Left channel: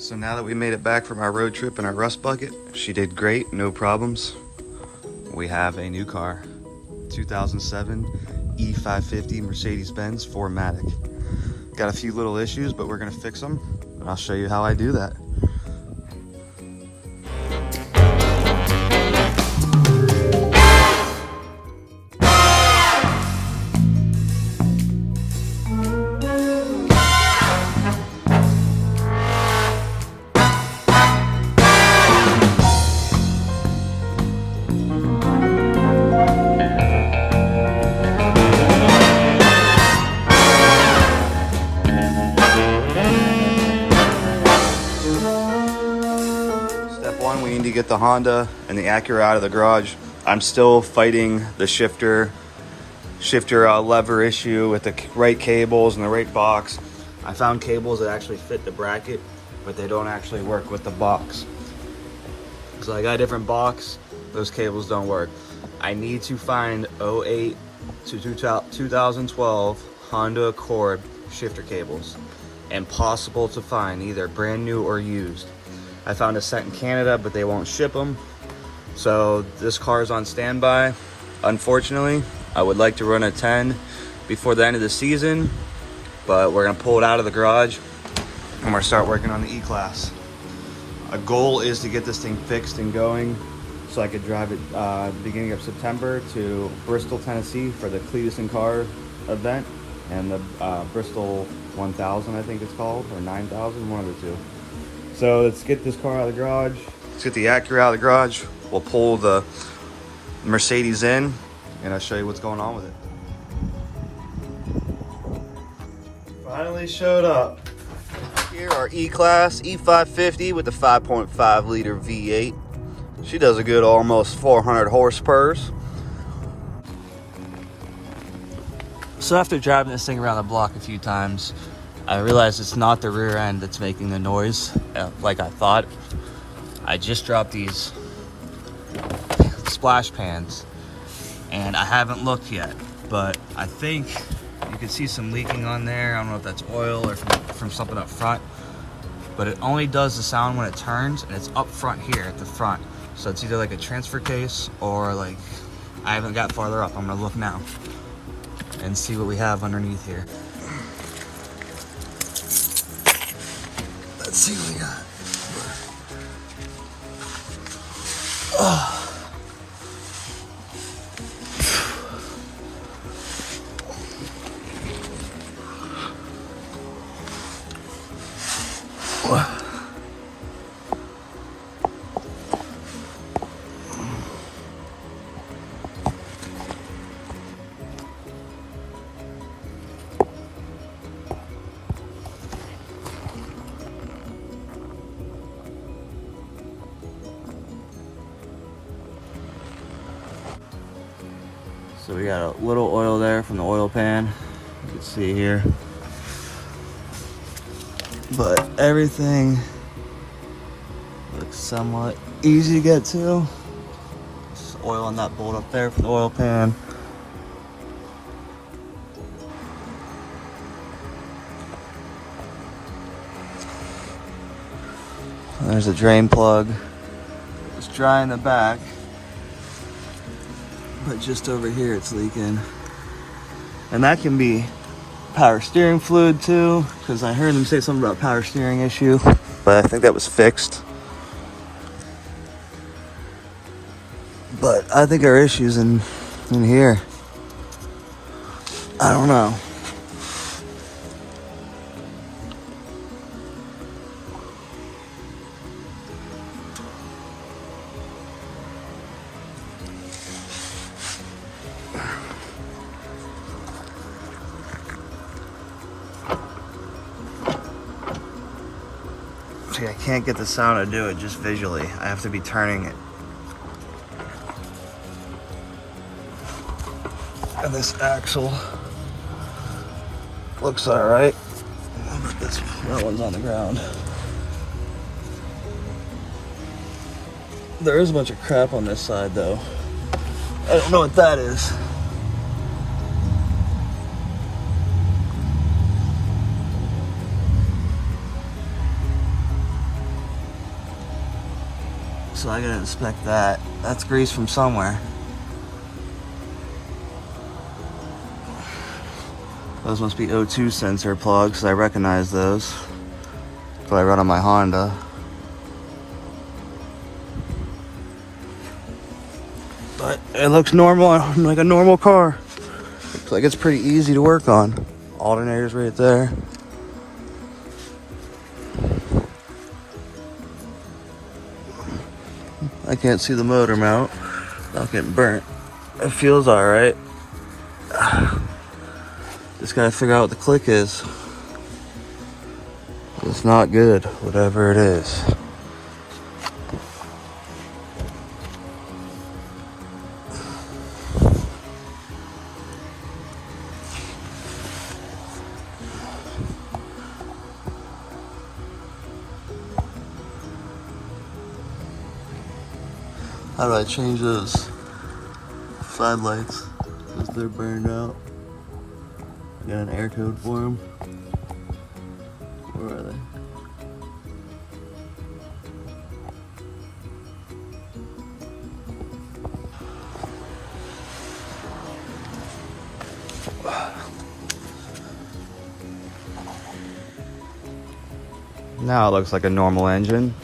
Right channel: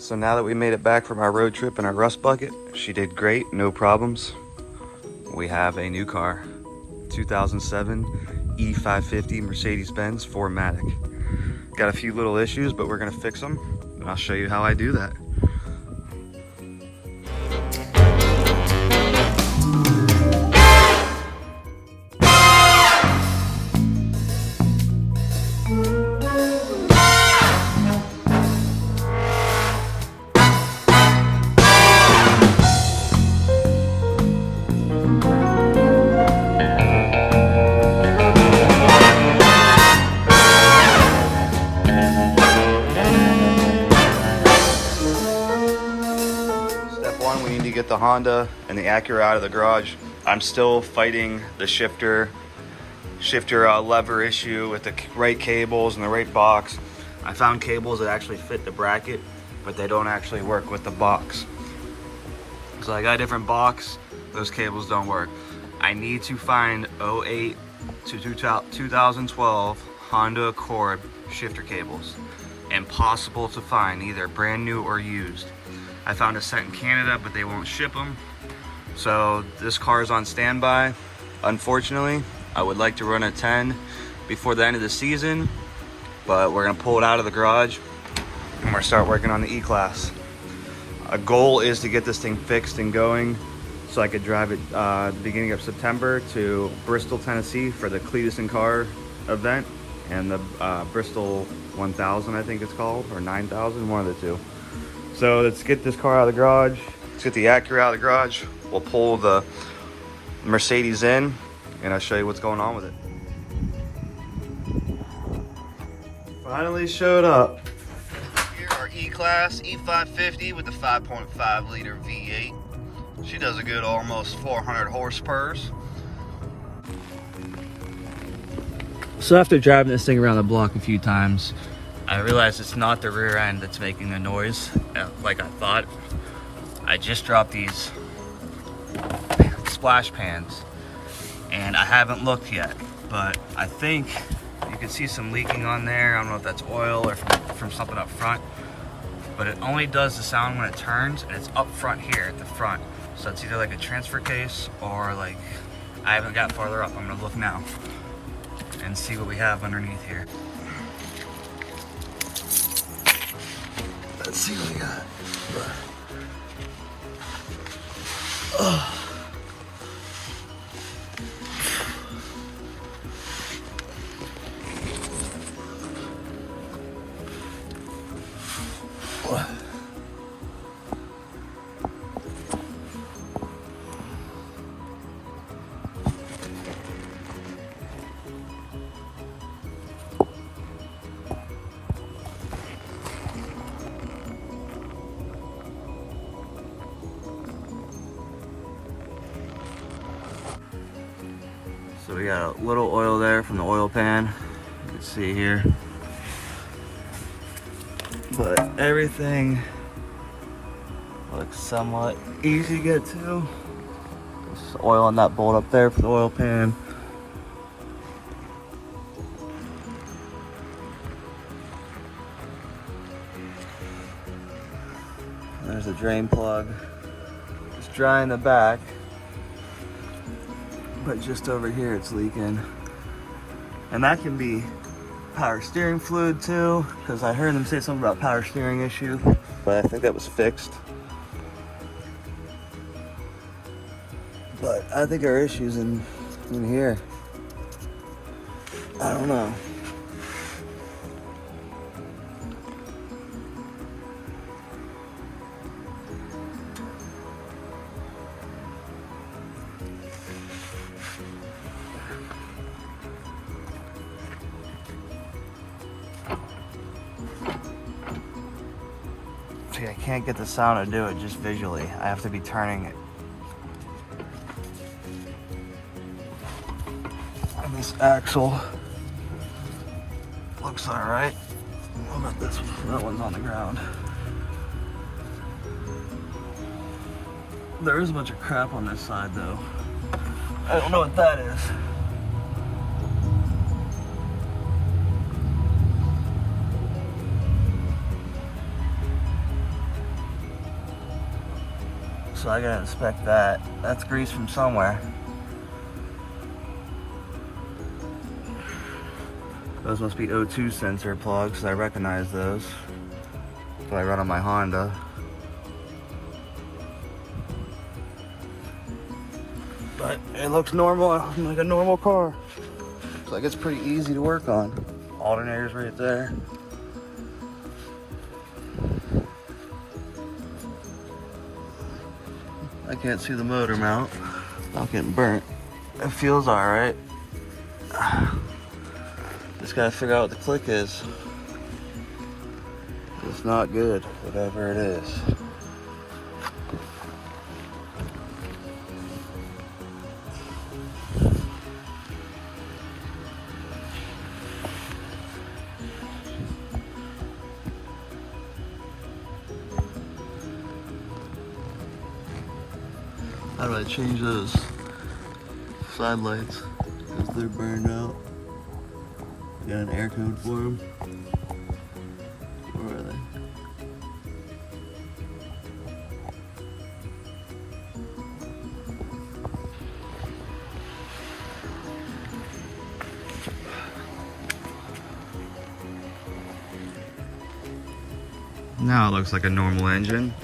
So now that we made it back from our road trip in our rust bucket, she did great, no problems. We have a new car, 2007 E550 Mercedes-Benz 4Matic. Got a few little issues, but we're gonna fix them, and I'll show you how I do that. We need to get the Honda and the Acura out of the garage. I'm still fighting the shifter lever issue with the right cables and the right box. I found cables that actually fit the bracket, but they don't actually work with the box. So I got a different box, those cables don't work. I need to find 08 to 2012 Honda Accord shifter cables. Impossible to find, either brand new or used. I found a set in Canada, but they won't ship them. So this car is on standby. Unfortunately, I would like to run a 10 before the end of the season, but we're gonna pull it out of the garage and we're gonna start working on the E-Class. A goal is to get this thing fixed and going so I could drive it beginning of September to Bristol, Tennessee for the Cletus and Car event and the Bristol 1000, I think it's called, or 9000, one of the two. So let's get this car out of the garage. Let's get the Acura out of the garage. We'll pull the Mercedes in and I'll show you what's going on with it. Finally showed up. Here our E-Class E550 with the 5.5 liter V8. She does a good almost 400 horsepower. So after driving this thing around the block a few times, I realized it's not the rear end that's making the noise like I thought. I just dropped these splash pans and I haven't looked yet, but I think you can see some leaking on there. I don't know if that's oil or from something up front, but it only does the sound when it turns, and it's up front here at the front. So it's either like a transfer case or like, I haven't got farther up. I'm gonna look now and see what we have underneath here. Let's see what we got. Oh. So we got a little oil there from the oil pan, you can see here. But everything looks somewhat easy to get to. There's oil on that bolt up there for the oil pan. There's a drain plug. It's dry in the back, but just over here it's leaking. And that can be power steering fluid too, because I heard him say something about power steering issue, but I think that was fixed. But I think our issue's in here. I don't know. See, I can't get the sound to do it just visually. I have to be turning it. And this axle looks all right. That one's on the ground. There is a bunch of crap on this side though. I don't know what that is. So I gotta inspect that. That's grease from somewhere. Those must be O2 sensor plugs. I recognize those. But I run on my Honda. But it looks normal, like a normal car. Looks like it's pretty easy to work on. Alternator's right there. I can't see the motor mount. Not getting burnt. It feels all right. Just gotta figure out what the click is. It's not good, whatever it is. How do I change those side lights? Because they're burned out. Got an air code for them. Where are they? Now it looks like a normal engine.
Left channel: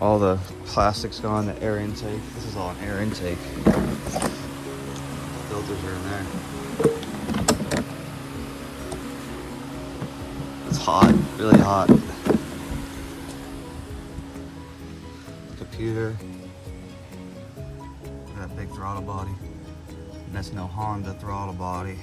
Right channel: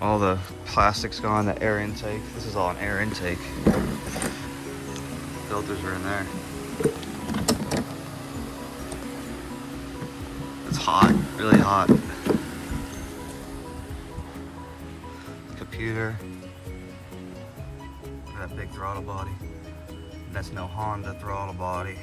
All the plastic's gone, the air intake. This is all an air intake. Filters are in there. It's hot, really hot. Computer. Got a big throttle body. And that's no Honda throttle body.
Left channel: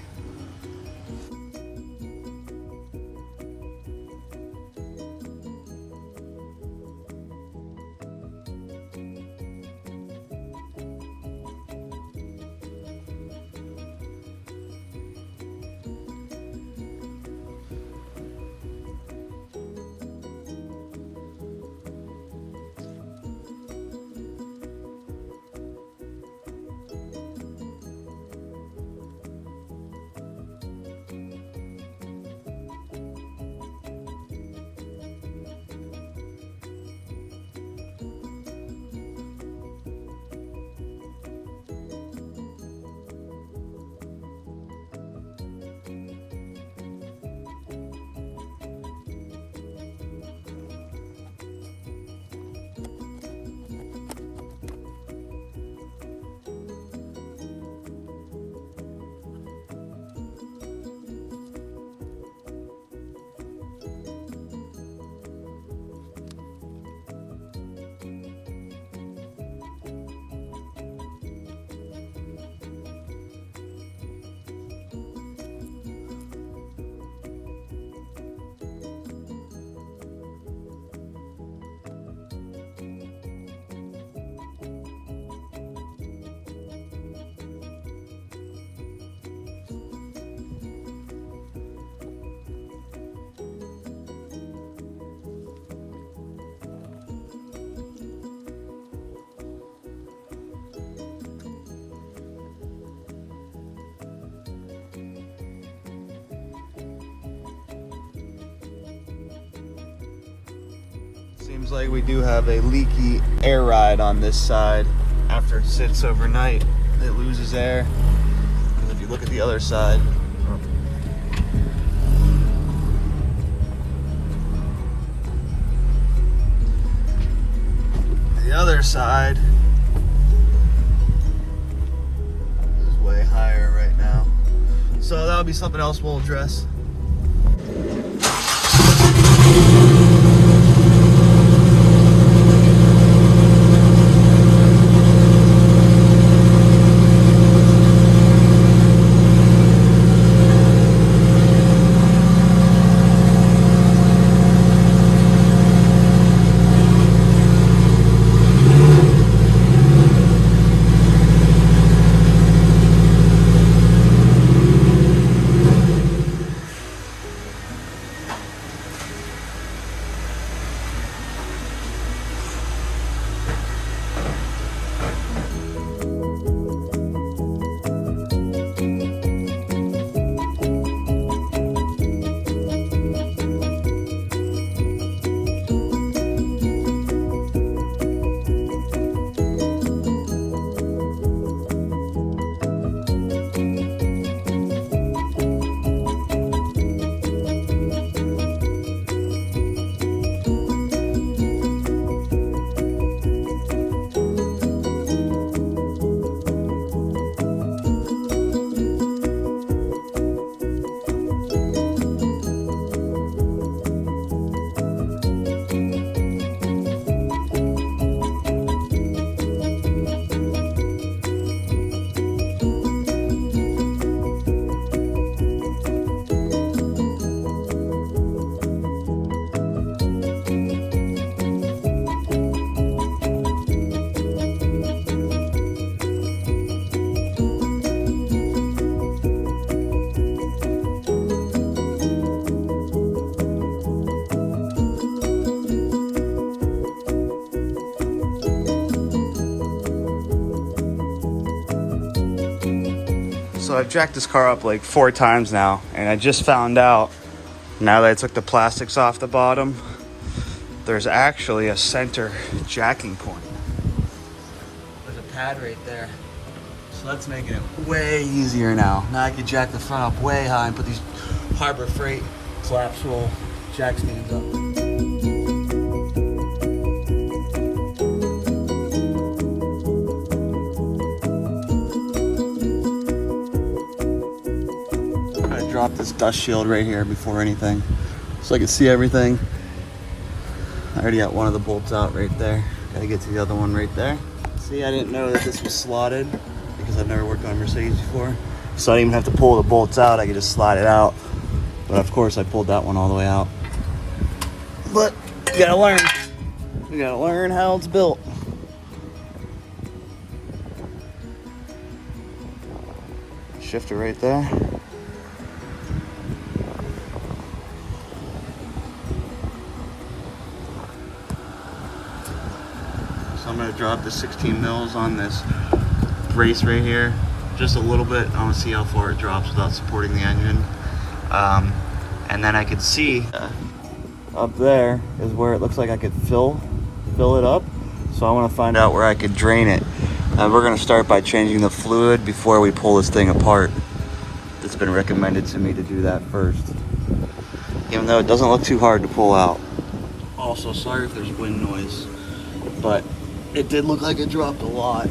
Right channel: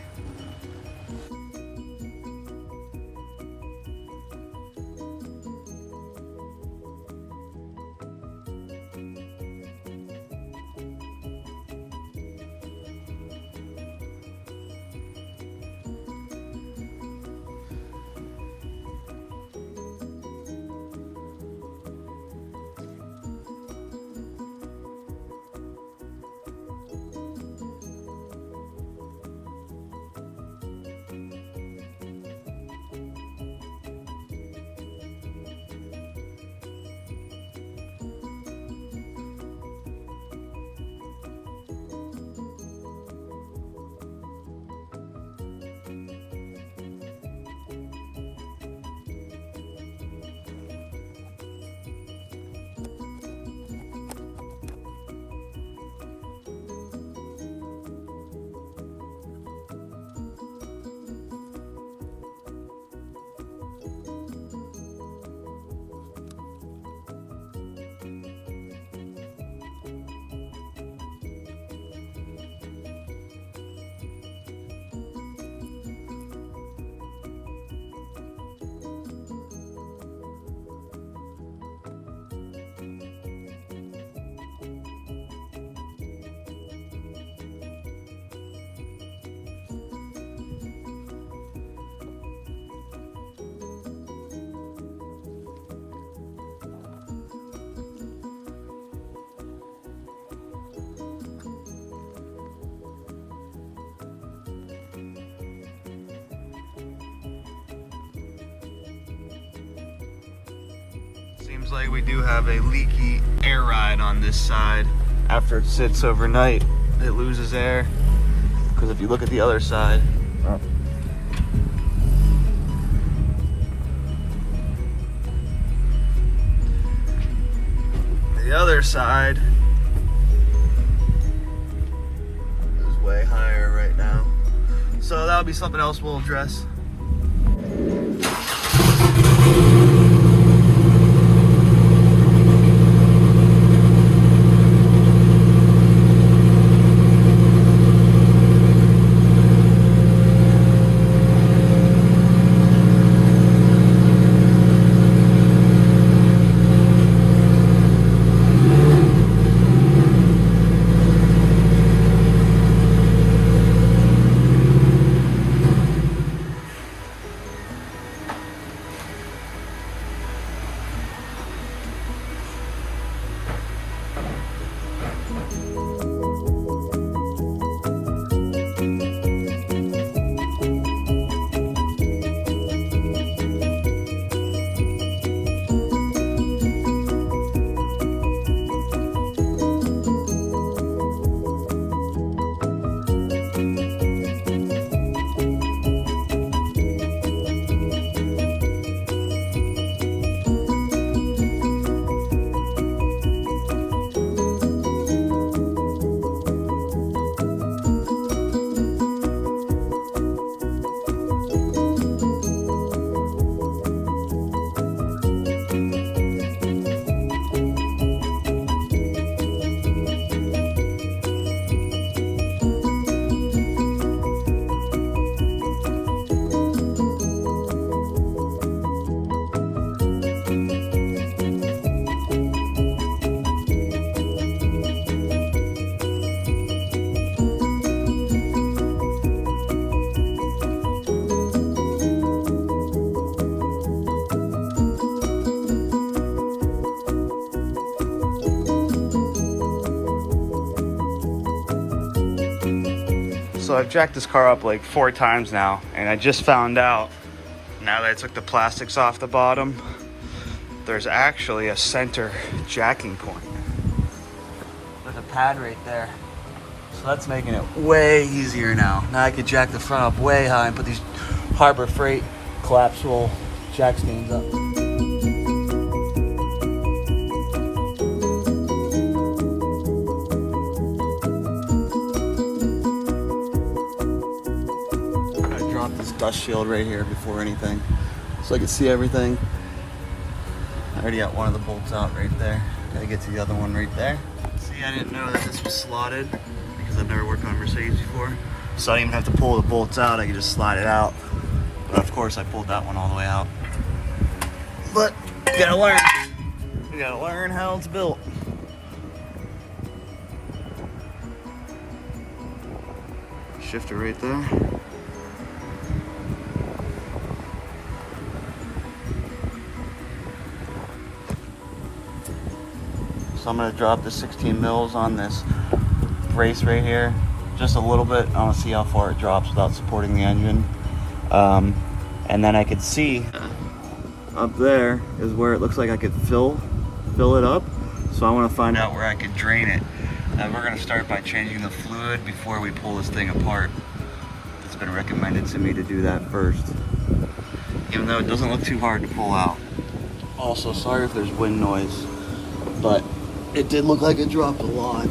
Seems like we do have a leaky air ride on this side. After it sits overnight, it loses air. Because if you look at the other side, is way higher right now. So that'll be something else we'll address. So I've jacked this car up like 4 times now, and I just found out, now that I took the plastics off the bottom, there's actually a center jacking point. There's a pad right there. So that's making it way easier now. Now I can jack the front up way high and put these Harbor Freight collapsible jack stands up. This dust shield right here before anything, so I can see everything. I already got one of the bolts out right there. Gotta get to the other one right there. See, I didn't know that this was slotted because I've never worked on Mercedes before, so I didn't even have to pull the bolts out. I could just slide it out. But of course, I pulled that one all the way out. But you gotta learn. You gotta learn how it's built. Shifter right there. So I'm gonna drop the 16 mils on this brace right here, just a little bit. I wanna see how far it drops without supporting the engine. And then I could see up there is where it looks like I could fill it up. So I wanna find out where I could drain it. And we're gonna start by changing the fluid before we pull this thing apart. It's been recommended to me to do that first, even though it doesn't look too hard to pull out. Also, sorry if there's wind noise, but it did look like it dropped a lot.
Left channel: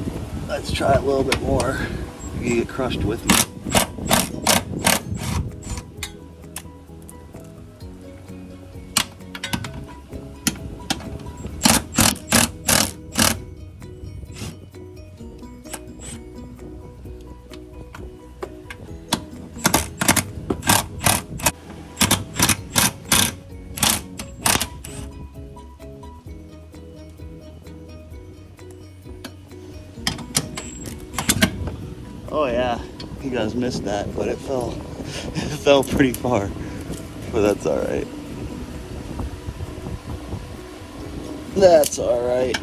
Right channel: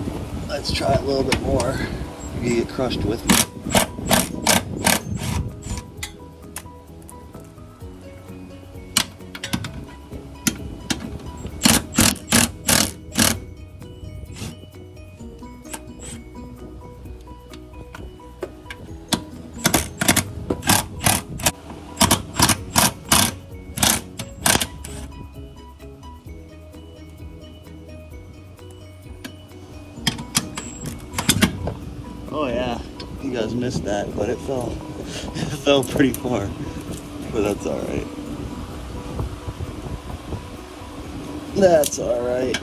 Let's try a little bit more. You get crushed with me. Oh yeah, you guys missed that, but it fell. It fell pretty far, but that's all right. That's all right.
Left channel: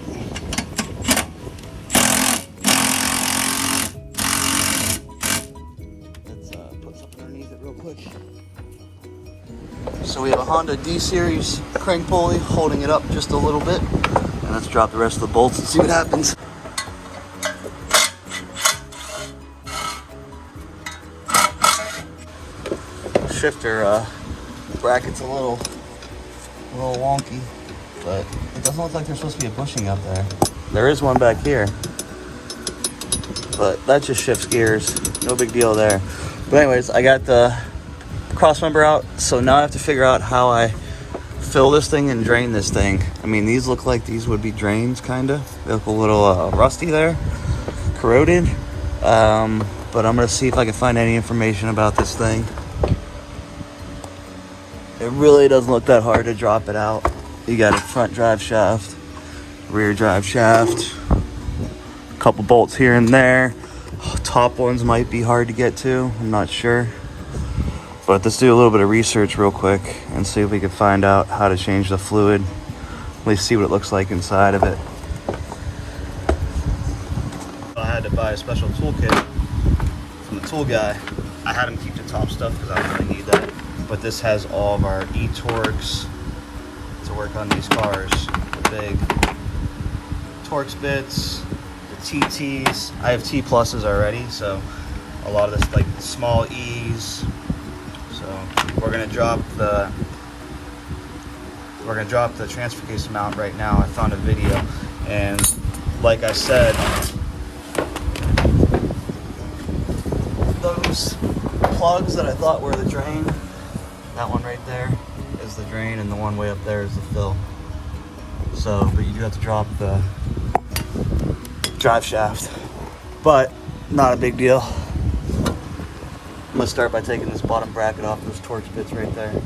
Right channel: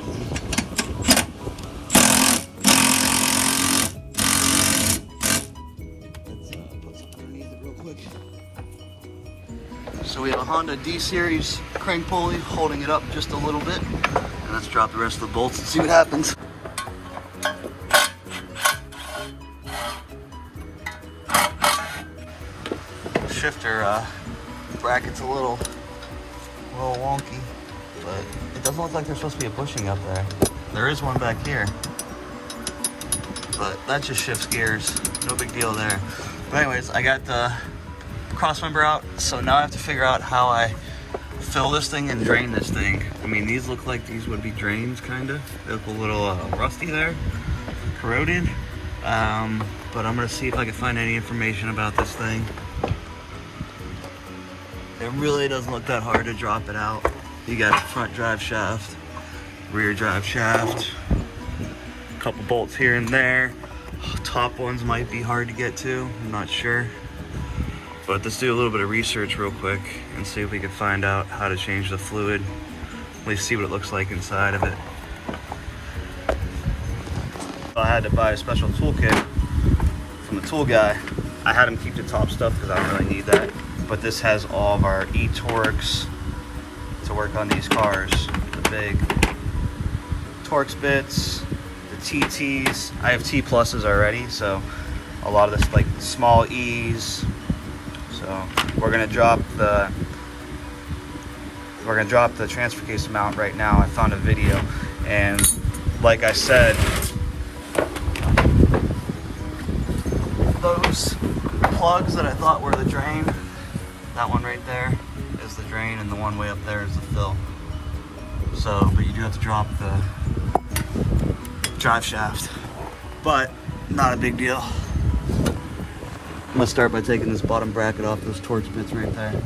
Let's put something underneath it real quick. So we have a Honda D-Series crank pulley holding it up just a little bit, and let's drop the rest of the bolts and see what happens. Shifter bracket's a little wonky, but it doesn't look like there's supposed to be a bushing up there. There is one back here, but that just shifts gears. No big deal there. But anyways, I got the cross member out, so now I have to figure out how I fill this thing and drain this thing. I mean, these look like these would be drains, kinda. They look a little rusty there, corroded. But I'm gonna see if I can find any information about this thing. It really doesn't look that hard to drop it out. You got a front drive shaft, rear drive shaft, a couple bolts here and there. Top ones might be hard to get to, I'm not sure. But let's do a little bit of research real quick and see if we can find out how to change the fluid. At least see what it looks like inside of it. I had to buy a special toolkit from the tool guy. I had him keep the top stuff because I don't really need that. But this has all of our e-Torx to work on these cars. The big Torx bits, the TTs. I have T pluses already, so a lot of this like small E's. So we're gonna drop the transfer case mount right now. I found a video, and like I said, those plugs that I thought were the drain, that one right there is the drain, and the one way up there is the fill. So, but you do have to drop the drive shaft, but not a big deal. I'm gonna start by taking this bottom bracket off those Torx bits right there.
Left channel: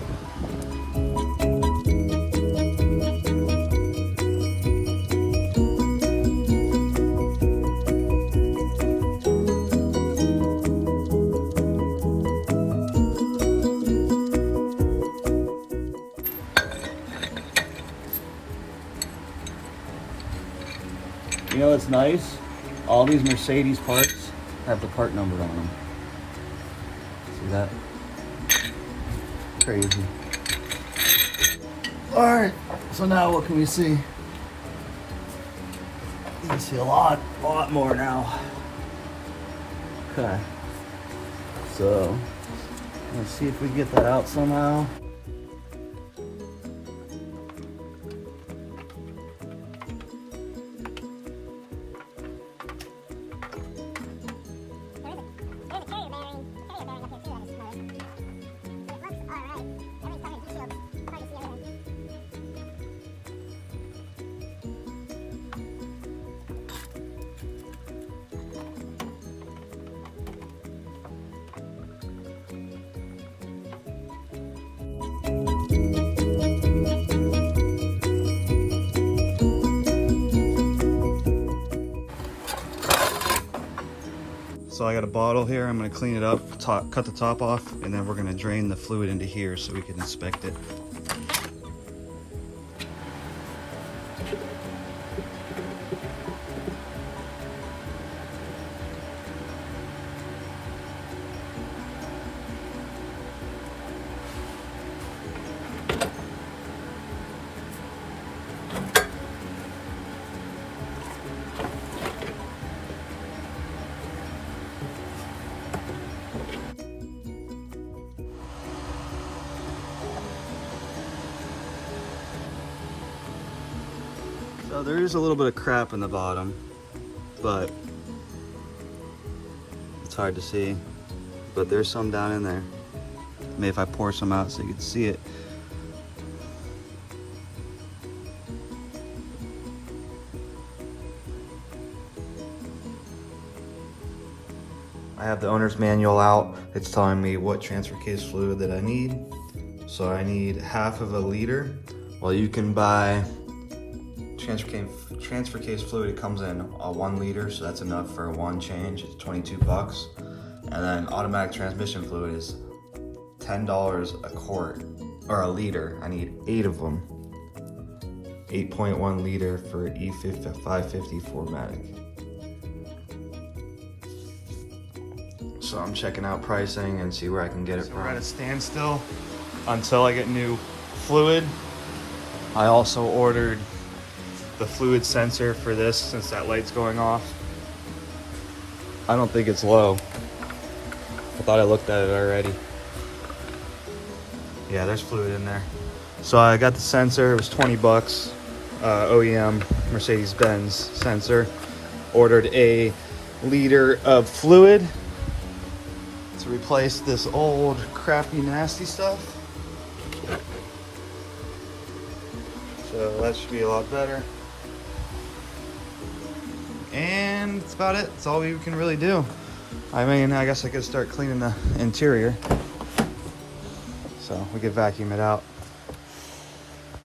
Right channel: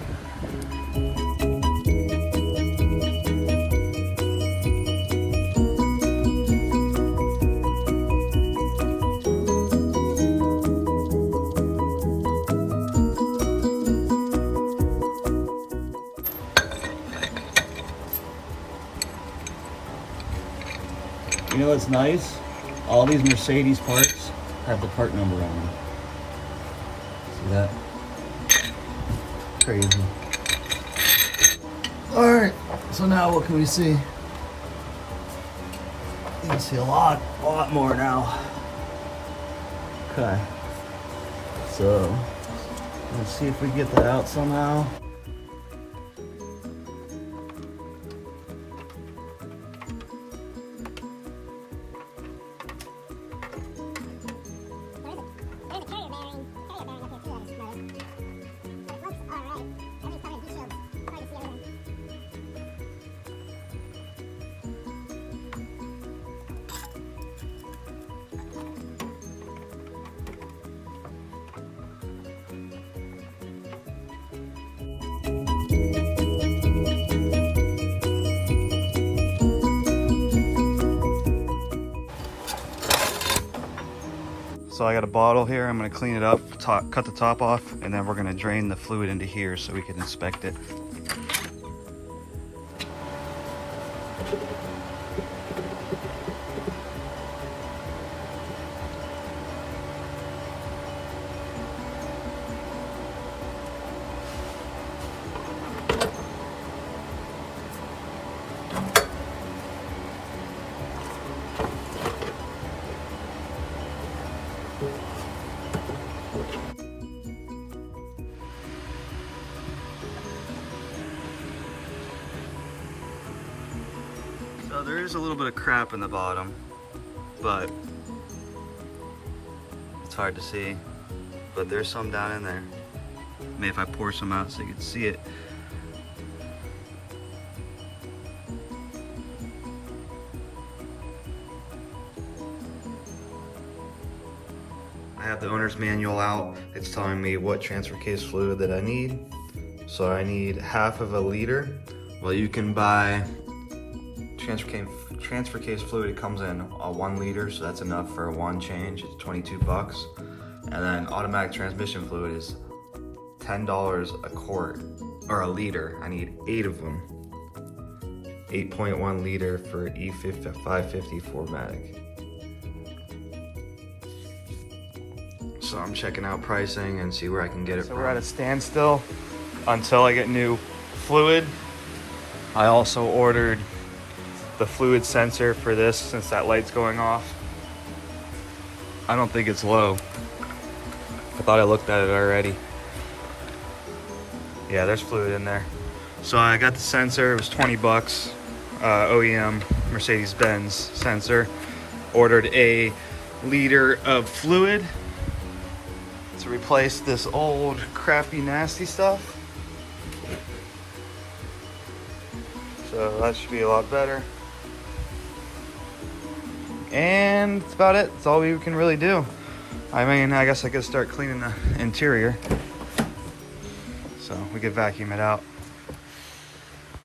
You know what's nice? All these Mercedes parts have the part number on them. See that? Crazy. All right, so now what can we see? You can see a lot more now. Okay. So, let's see if we get that out somehow. So I got a bottle here. I'm gonna clean it up, cut the top off, and then we're gonna drain the fluid into here so we can inspect it. So there is a little bit of crap in the bottom, but it's hard to see. But there's some down in there. Maybe if I pour some out so you can see it. I have the owner's manual out. It's telling me what transfer case fluid that I need. So I need half of a liter. Well, you can buy transfer case fluid. It comes in a 1 liter, so that's enough for one change. It's 22 bucks. And then automatic transmission fluid is $10 a quart, or a liter. I need 8 of them. 8.1 liter for E550 4Matic. So I'm checking out pricing and see where I can get it from. We're at a standstill until I get new fluid. I also ordered the fluid sensor for this since that light's going off. I don't think it's low. I thought I looked at it already. Yeah, there's fluid in there. So I got the sensor, it was 20 bucks. OEM MERCEDES-BENZ sensor. Ordered a liter of fluid to replace this old crappy nasty stuff. So that should be a lot better. And that's about it. That's all we can really do. I mean, I guess I could start cleaning the interior. So we could vacuum it out.